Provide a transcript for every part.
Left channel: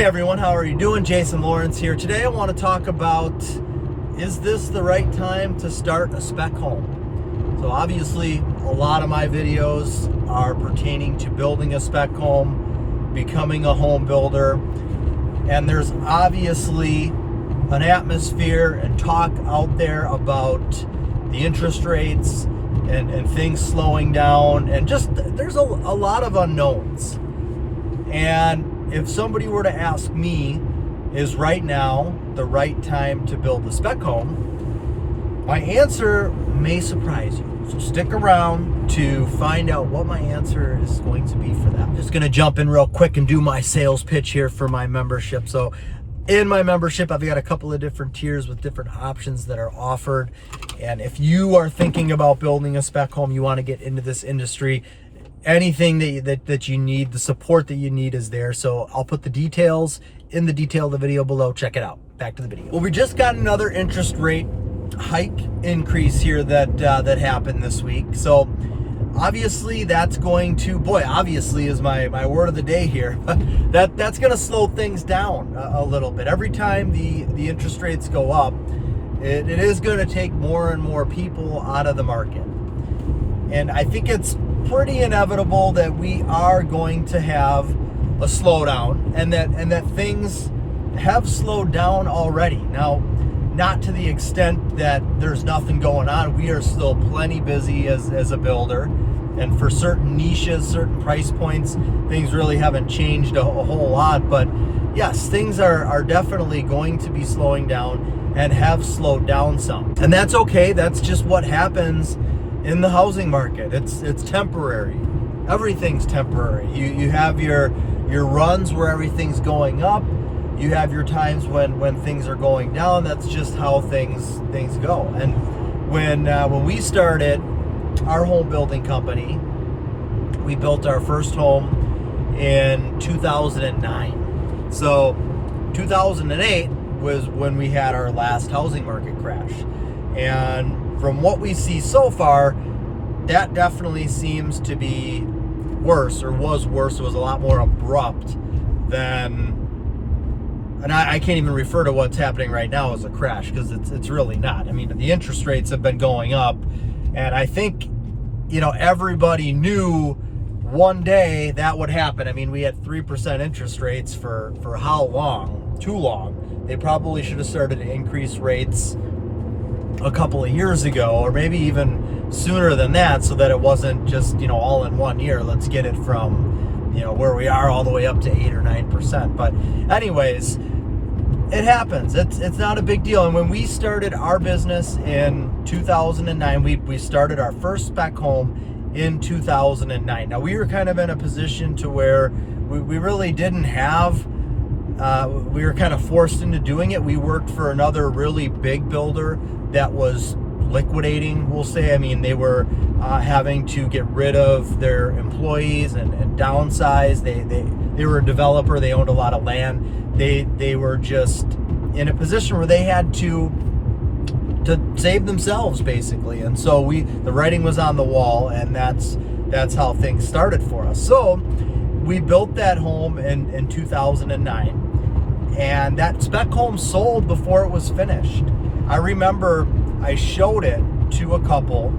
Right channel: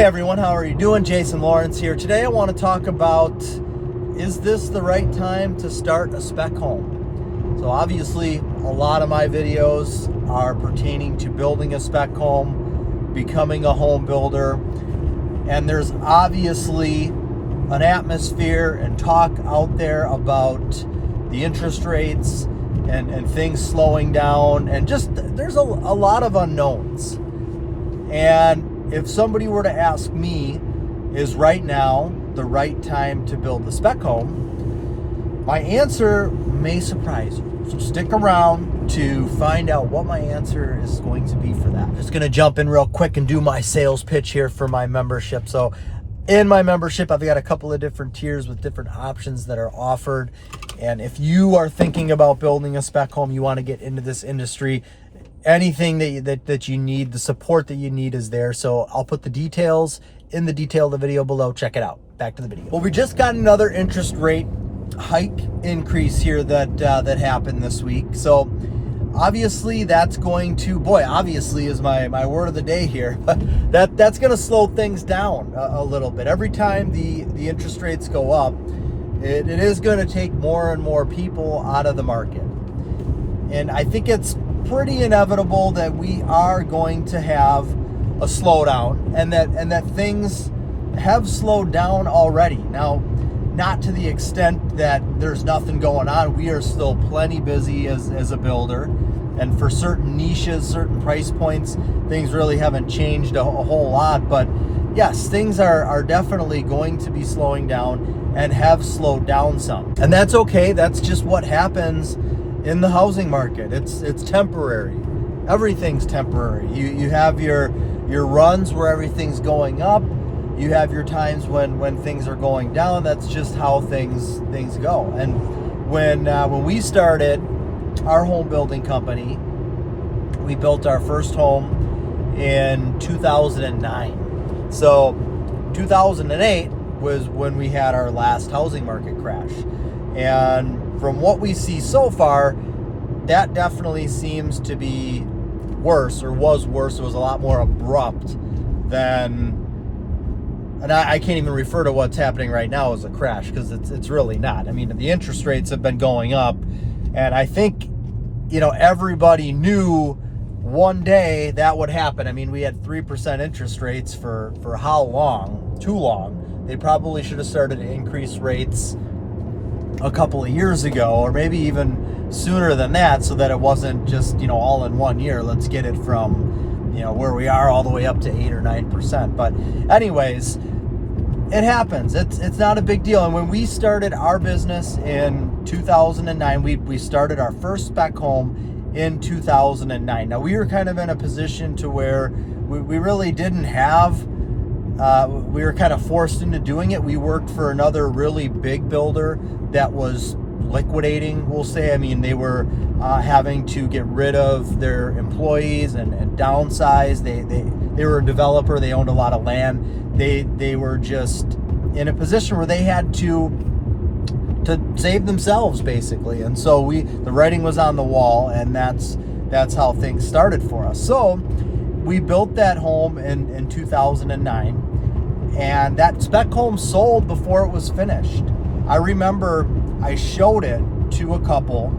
Hey everyone, how are you doing? Jason Lawrence here. Today I want to talk about, is this the right time to start a spec home? So obviously a lot of my videos are pertaining to building a spec home, becoming a home builder, and there's obviously an atmosphere and talk out there about the interest rates and things slowing down, and just there's a lot of unknowns. And if somebody were to ask me, is right now the right time to build the spec home, my answer may surprise you. So stick around to find out what my answer is going to be for that. I'm just going to jump in real quick and do my sales pitch here for my membership. So in my membership, I've got a couple of different tiers with different options that are offered. And if you are thinking about building a spec home, you want to get into this industry, anything that you need, the support that you need is there. So I'll put the details in the detail of the video below. Check it out. Back to the video. Well, we just got another interest rate hike increase here that happened this week. So obviously that's going to, obviously is my word of the day here. That's going to slow things down a little bit. Every time the interest rates go up, it is going to take more and more people out of the market. And I think it's pretty inevitable that we are going to have a slowdown, and that things have slowed down already. Now, not to the extent that there's nothing going on. We are still plenty busy as a builder, and for certain niches, certain price points, things really haven't changed a whole lot. But yes, things are definitely going to be slowing down and have slowed down some. And that's okay. That's just what happens in the housing market. It's temporary. Everything's temporary. You have your runs where everything's going up. You have your times when things are going down. That's just how things go. And when we started our home building company, we built our first home in 2009. So 2008 was when we had our last housing market crash. And from what we see so far, that definitely seems to be worse, or was worse. It was a lot more abrupt than, and I can't even refer to what's happening right now as a crash, because it's really not. I mean, the interest rates have been going up, and I think, everybody knew one day that would happen. I mean, we had 3% interest rates for how long? Too long. They probably should have started to increase rates a couple of years ago, or maybe even sooner than that, so that it wasn't just all in one year. Let's get it from where we are all the way up to 8 or 9%. But anyways, it happens. It's not a big deal. And when we started our business in 2009, we started our first spec home in 2009. Now, we were kind of in a position to where we really didn't have, we were kind of forced into doing it. We worked for another really big builder that was liquidating, we'll say. I mean, they were having to get rid of their employees and downsize. They were a developer. They owned a lot of land. They were just in a position where they had to save themselves, basically. And so the writing was on the wall, and that's how things started for us. So we built that home in 2009, and that spec home sold before it was finished. I remember I showed it to a couple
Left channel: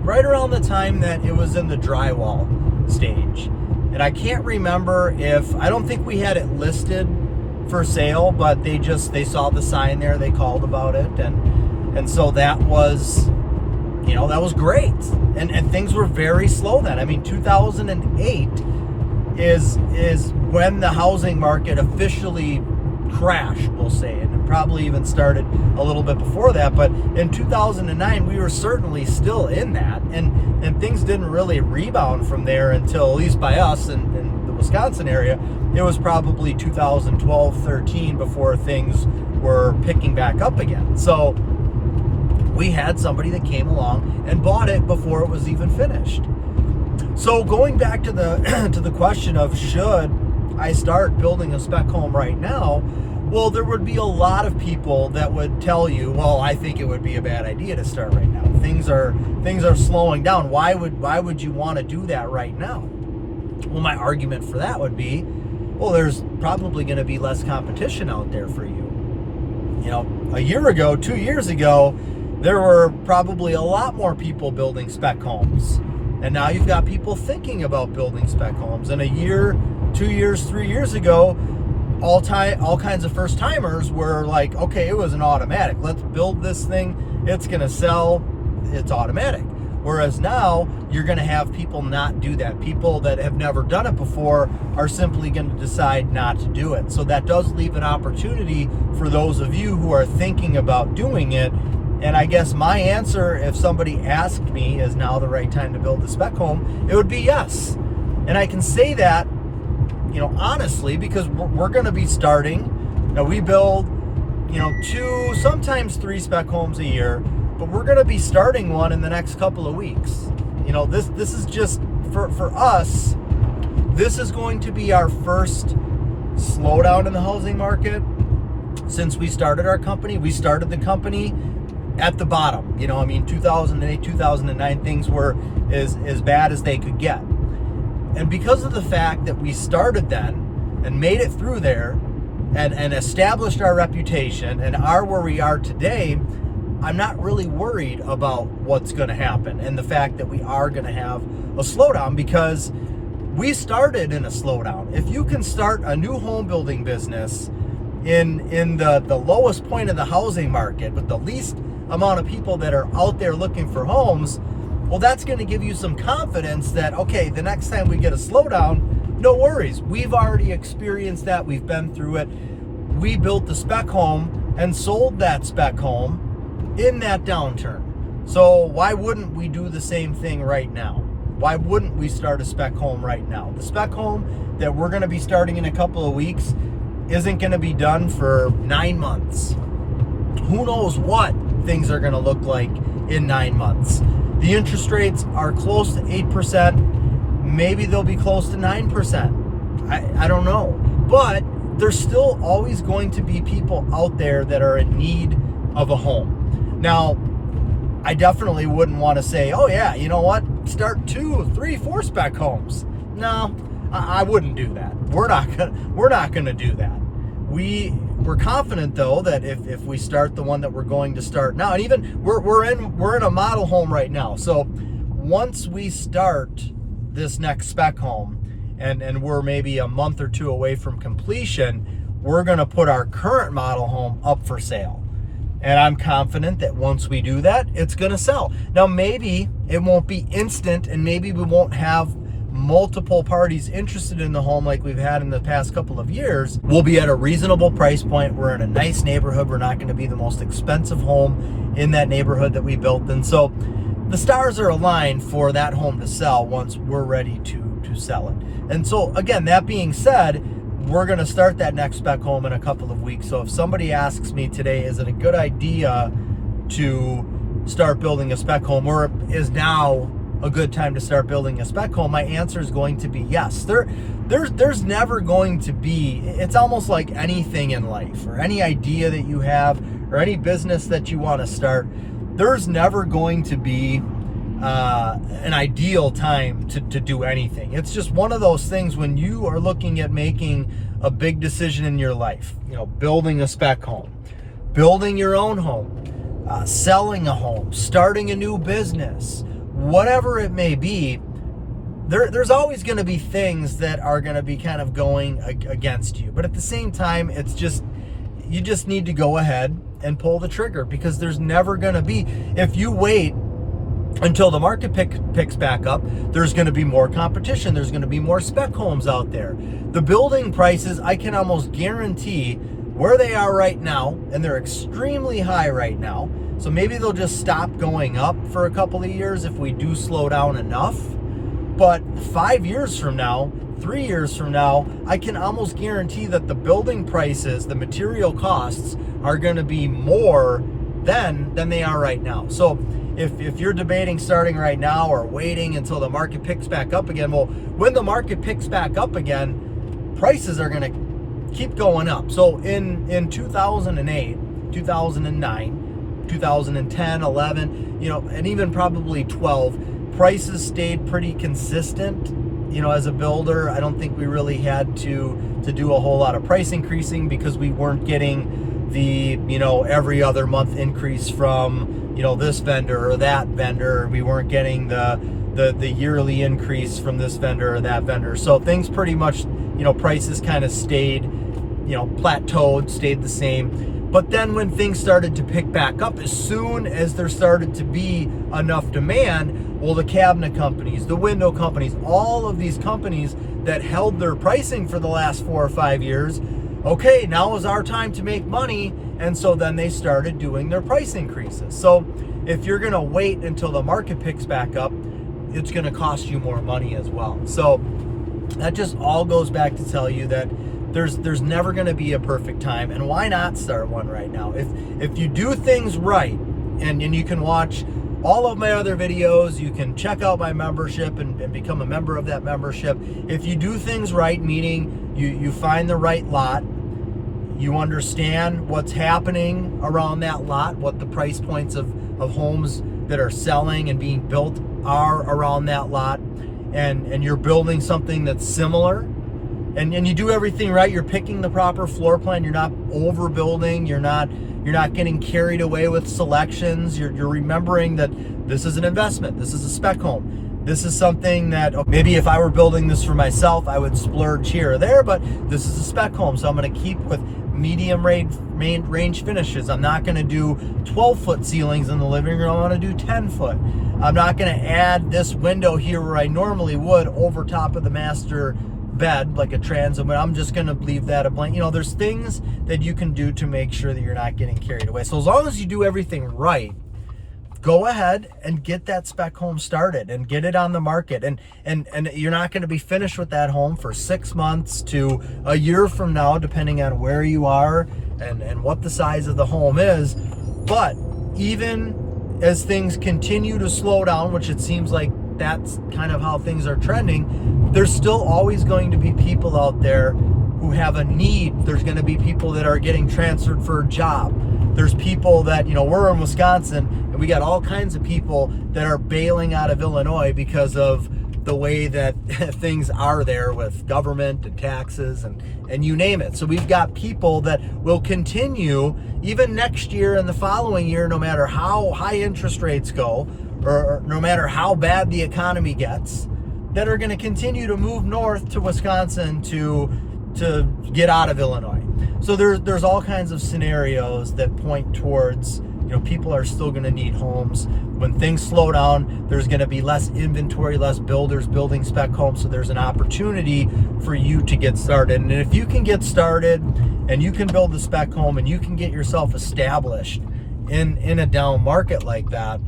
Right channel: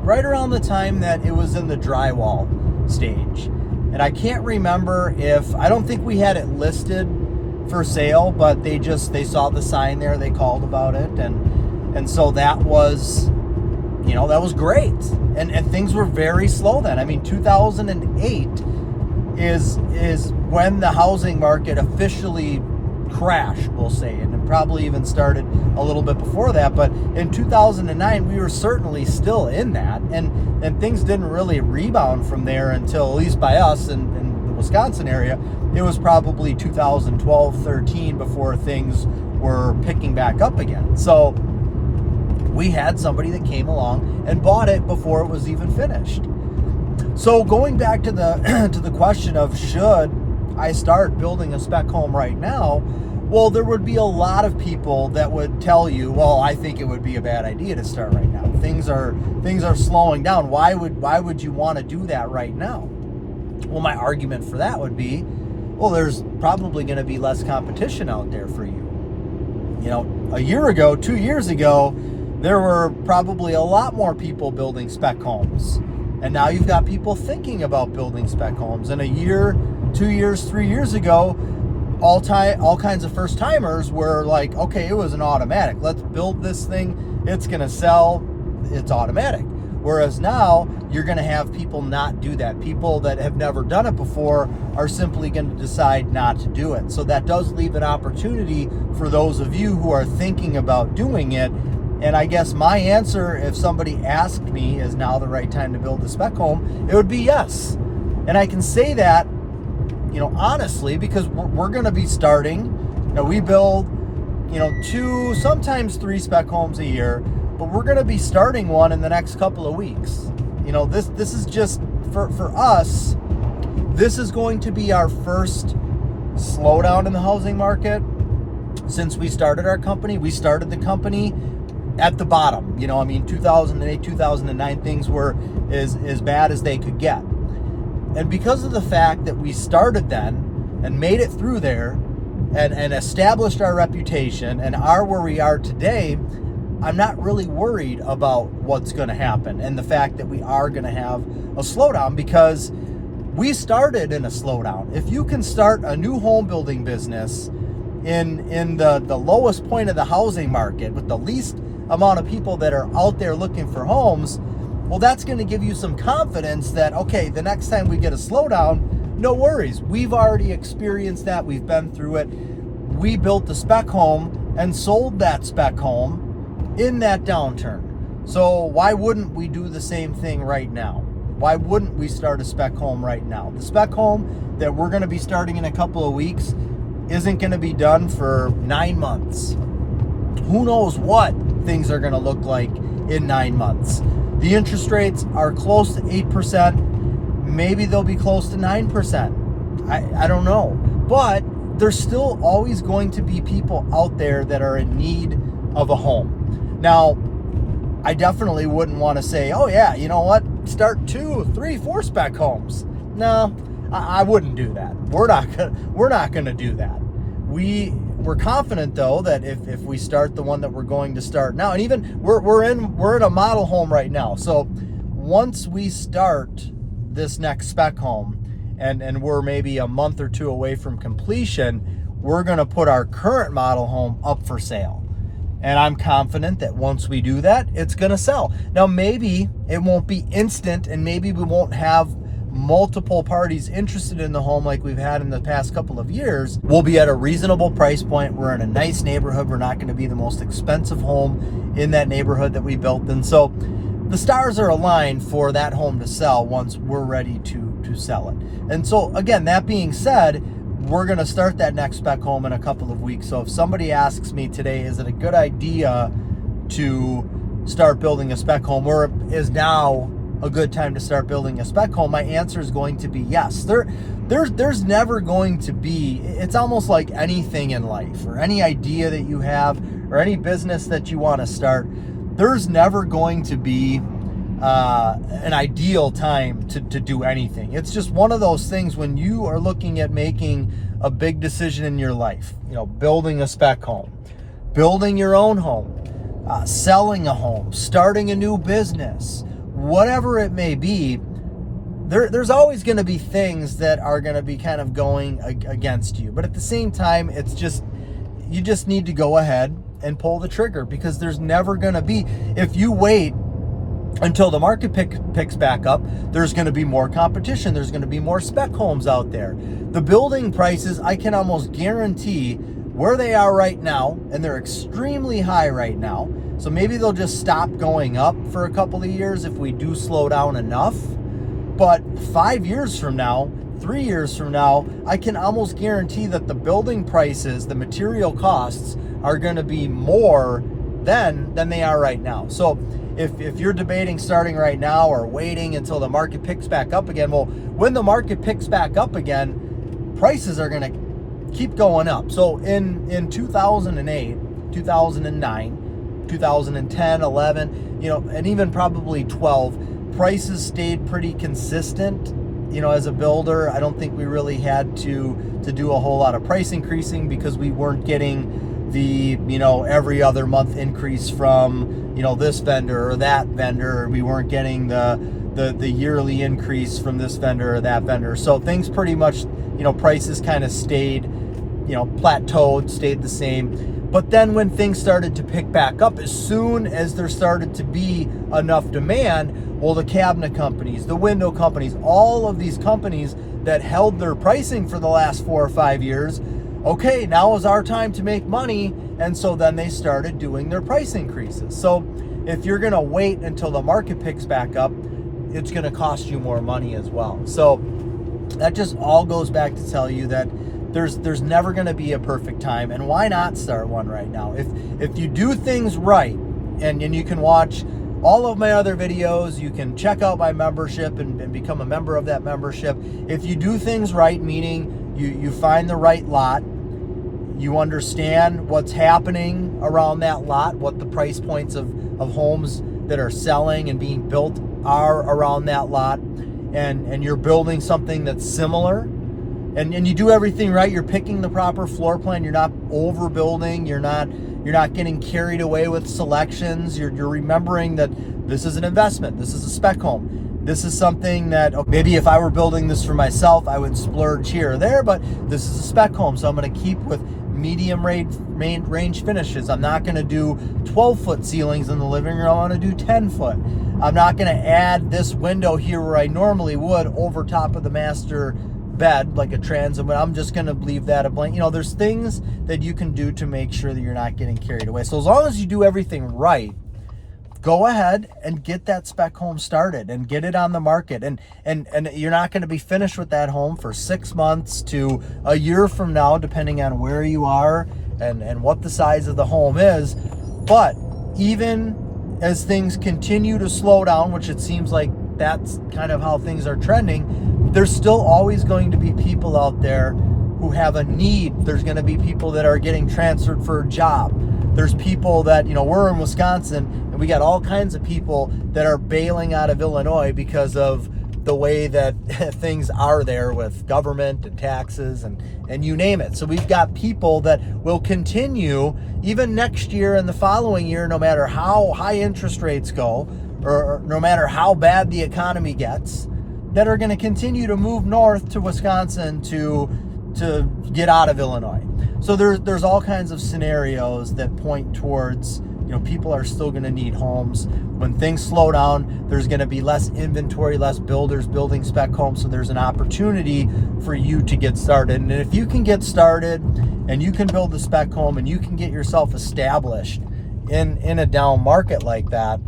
right around the time that it was in the drywall stage. And I can't remember I don't think we had it listed for sale, but they saw the sign there, they called about it, and so that was, that was great. And things were very slow then. I mean, 2008 is when the housing market officially crashed, we'll say, and it probably even started a little bit before that. But in 2009, we were certainly still in that, and things didn't really rebound from there until, at least by us in the Wisconsin area, it was probably 2012, 13 before things were picking back up again. So we had somebody that came along and bought it before it was even finished. So going back to the question of, should I start building a spec home right now? Well, there would be a lot of people that would tell you, well, I think it would be a bad idea to start right now. Things are slowing down. Why would you want to do that right now? Well, my argument for that would be, Well, there's probably going to be less competition out there for you. A year ago, 2 years ago, there were probably a lot more people building spec homes. And now you've got people thinking about building spec homes. And a year, 2 years, 3 years ago, all kinds of first timers were like, okay, it was an automatic. Let's build this thing. It's going to sell. It's automatic. Whereas now you're going to have people not do that. People that have never done it before are simply going to decide not to do it. So that does leave an opportunity for those of you who are thinking about doing it. And I guess my answer, if somebody asked me, is now the right time to build a spec home, it would be yes. And I can say that, honestly, because we're going to be starting. We build, 2, sometimes 3 spec homes a year. But we're going to be starting one in the next couple of weeks. This is just, for us, this is going to be our first slowdown in the housing market since we started our company. We started the company at the bottom. 2008, 2009, things were as bad as they could get. And because of the fact that we started then and made it through there and established our reputation and are where we are today, I'm not really worried about what's going to happen and the fact that we are going to have a slowdown, because we started in a slowdown. If you can start a new home building business in the lowest point of the housing market with the least amount of people that are out there looking for homes, well, that's going to give you some confidence that, okay, the next time we get a slowdown, no worries. We've already experienced that. We've been through it. We built the spec home and sold that spec home in that downturn. So why wouldn't we do the same thing right now? Why wouldn't we start a spec home right now? The spec home that we're going to be starting in a couple of weeks isn't going to be done for 9 months. Who knows what things are going to look like in 9 months? The interest rates are close to 8%. Maybe they'll be close to 9%. I don't know. But there's still always going to be people out there that are in need of a home. Now, I definitely wouldn't want to say, oh yeah, you know what, start 2, 3, 4 spec homes. No, I wouldn't do that. We're not gonna do that. We're confident though that if we start the one that we're going to start now, and even we're in a model home right now. So once we start this next spec home and we're maybe a month or 2 away from completion, we're gonna put our current model home up for sale. And I'm confident that once we do that, it's going to sell. Now, maybe it won't be instant, and maybe we won't have multiple parties interested in the home like we've had in the past couple of years. We'll be at a reasonable price point. We're in a nice neighborhood. We're not going to be the most expensive home in that neighborhood that we built. And so the stars are aligned for that home to sell once we're ready to sell it. And so, again, that being said, we're going to start that next spec home in a couple of weeks. So if somebody asks me today, is it a good idea to start building a spec home, or is now a good time to start building a spec home, my answer is going to be yes. There's never going to be, it's almost like anything in life or any idea that you have or any business that you want to start, there's never going to be an ideal time to do anything. It's just one of those things when you are looking at making a big decision in your life, building a spec home, building your own home, selling a home, starting a new business, whatever it may be, there's always going to be things that are going to be kind of going against you. But at the same time, you just need to go ahead and pull the trigger, because there's never going to be, if you wait until the market picks back up, there's going to be more competition. There's going to be more spec homes out there. The building prices, I can almost guarantee where they are right now, and they're extremely high right now. So maybe they'll just stop going up for a couple of years if we do slow down enough. But 5 years from now, 3 years from now, I can almost guarantee that the building prices, the material costs, are going to be more than they are right now. So if you're debating starting right now or waiting until the market picks back up again, well, when the market picks back up again, prices are going to keep going up. So in 2008, 2009, 2010, 11, and even probably 12, prices stayed pretty consistent. As a builder, I don't think we really had to to do a whole lot of price increasing because we weren't getting the, every other month increase from, this vendor or that vendor. We weren't getting the yearly increase from this vendor or that vendor. So things pretty much, prices kind of stayed, plateaued, stayed the same. But then when things started to pick back up, as soon as there started to be enough demand, well, the cabinet companies, the window companies, all of these companies that held their pricing for the last 4 or 5 years, okay, now is our time to make money. And so then they started doing their price increases. So if you're going to wait until the market picks back up, it's going to cost you more money as well. So that just all goes back to tell you that there's never going to be a perfect time, and why not start one right now? If you do things right, and you can watch all of my other videos, you can check out my membership and become a member of that membership. If you do things right, meaning you find the right lot, you understand what's happening around that lot, what the price points of homes that are selling and being built are around that lot, and you're building something that's similar, and you do everything right, you're picking the proper floor plan, you're not overbuilding, you're not getting carried away with selections, you're remembering that this is an investment, this is a spec home, this is something that maybe if I were building this for myself, I would splurge here or there, but this is a spec home, so I'm going to keep with medium range finishes. I'm not going to do 12-foot ceilings in the living room, I'm going to do 10-foot. I'm not going to add this window here where I normally would over top of the master bed like a transom, and I'm just going to leave that a blank. There's things that you can do to make sure that you're not getting carried away. So as long as you do everything right, go ahead and get that spec home started and get it on the market, and you're not going to be finished with that home for 6 months to a year from now, depending on where you are and what the size of the home is. But even as things continue to slow down, which it seems like that's kind of how things are trending, there's still always going to be people out there who have a need. There's going to be people that are getting transferred for a job. There's people that, we're in Wisconsin, and we got all kinds of people that are bailing out of Illinois because of the way that things are there with government and taxes and you name it. So we've got people that will continue even next year and the following year, no matter how high interest rates go, or no matter how bad the economy gets, that are going to continue to move north to Wisconsin to get out of Illinois. So there's all kinds of scenarios that point towards, people are still going to need homes. When things slow down, there's going to be less inventory, less builders building spec homes, so there's an opportunity for you to get started. And if you can get started and you can build a spec home and you can get yourself established in a down market like that,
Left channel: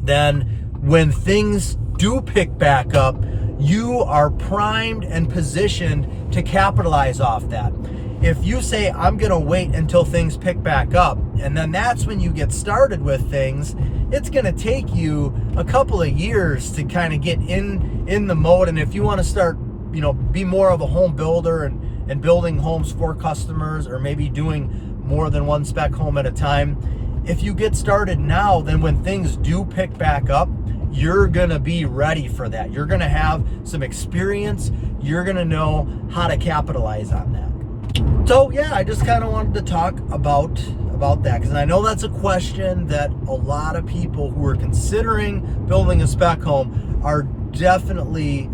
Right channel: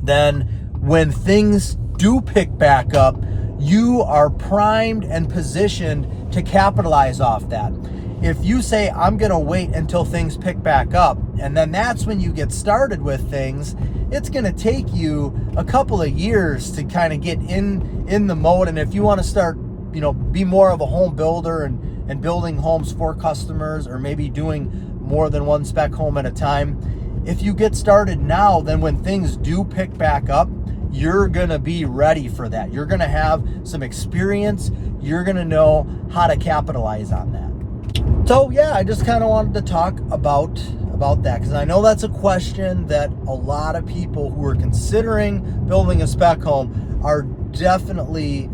then when things do pick back up, you are primed and positioned to capitalize off that. If you say, I'm going to wait until things pick back up, and then that's when you get started with things, it's going to take you a couple of years to kind of get in the mode. And if you want to start, be more of a home builder and building homes for customers, or maybe doing more than one spec home at a time, if you get started now, then when things do pick back up, you're going to be ready for that. You're going to have some experience. You're going to know how to capitalize on that. So yeah, I just kind of wanted to talk about that, because I know that's a question that a lot of people who are considering building a spec home are definitely,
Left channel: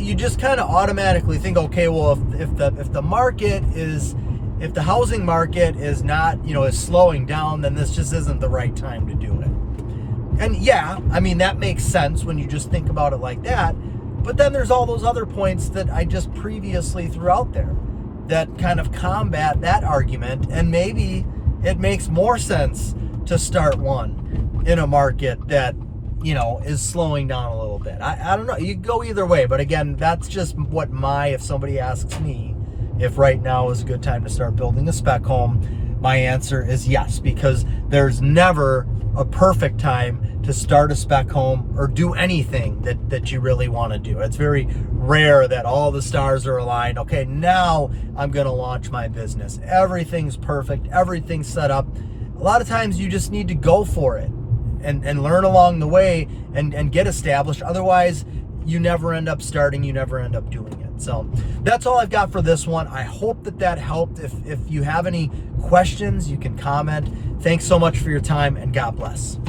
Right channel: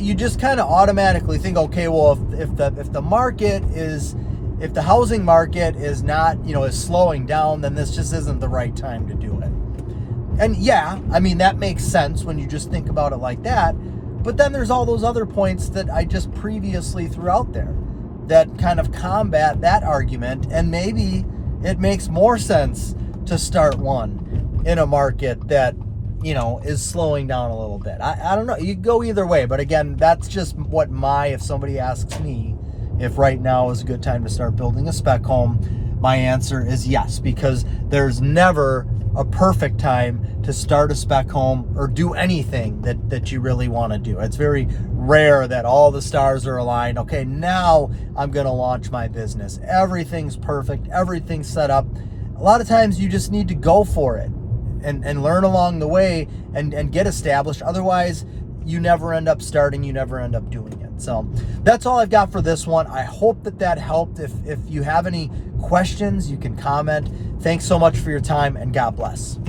you just kind of automatically think, okay, well, if the market is, if the housing market is not, is slowing down, then this just isn't the right time to do it. And yeah, I mean, that makes sense when you just think about it like that. But then there's all those other points that I just previously threw out there that kind of combat that argument. And maybe it makes more sense to start one in a market that, is slowing down a little bit. I don't know. You can go either way. But again, that's just what if somebody asks me if right now is a good time to start building a spec home, my answer is yes, because there's never a perfect time to start a spec home or do anything that you really want to do. It's very rare that all the stars are aligned. Okay, now I'm going to launch my business. Everything's perfect. Everything's set up. A lot of times you just need to go for it and learn along the way and get established. Otherwise, you never end up starting. You never end up doing it. So that's all I've got for this one. I hope that helped. If you have any questions, you can comment. Thanks so much for your time, and God bless.